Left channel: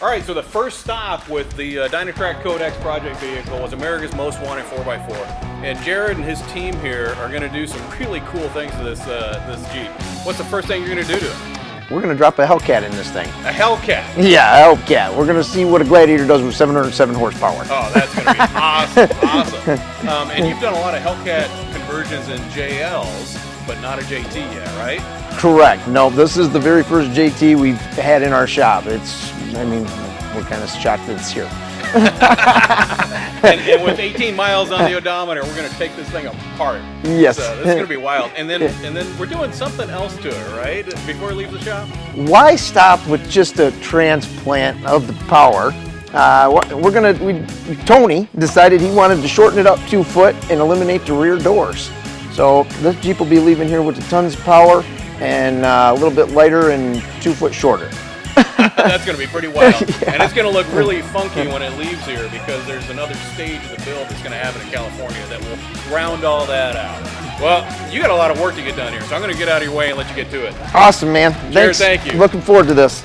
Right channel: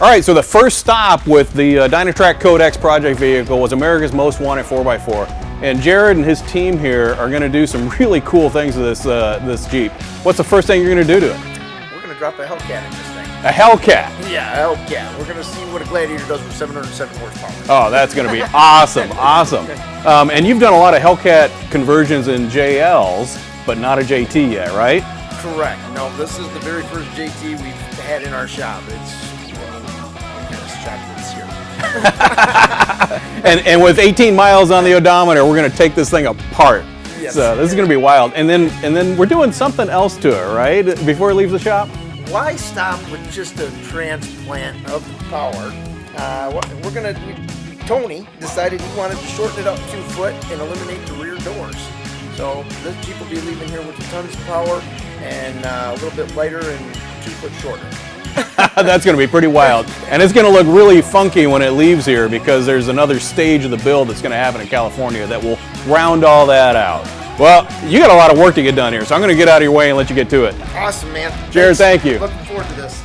All right, so the first stop with the Dynatrac CODEX project vehicle was America's Most Wanted 4x4. And Jared and his team here are going to do some really cool things to this Jeep. What's the first thing you're going to do to it? We're going to drop a Hellcat in this thing. A Hellcat? Yeah, a Hellcat. We're going to see what a Gladiator does with 707 horsepower. Oh, that's going to be awesome, awesome. And you've done a lot of Hellcat conversions in JLs, but not a JT yet, right? Correct. No, this is the very first JT we've had in our shop. I mean, we're kind of shocked that it's here. and with 18 miles on the odometer, we're going to take this thing apart. Yes. So this is going to be wild. And then we're doing something else to it, right? Before it leaves the shop? Why stop with just a transplant of the power? Tony decided he wanted to shorten it up 2 foot and eliminate the rear doors. So this Jeep will be leaving here with a tons of power and a little bit lighter and 2 foot shorter. That's going to be pretty wild. Yeah. And it's going to look really funky when it leaves here because there's another stage of the build that's going to happen in California that will round all that out. Well, you got a lot of work to get done here, so I'm going to get out of your way and let you get to it. Awesome, man. Jared, thank you. Looking forward to this.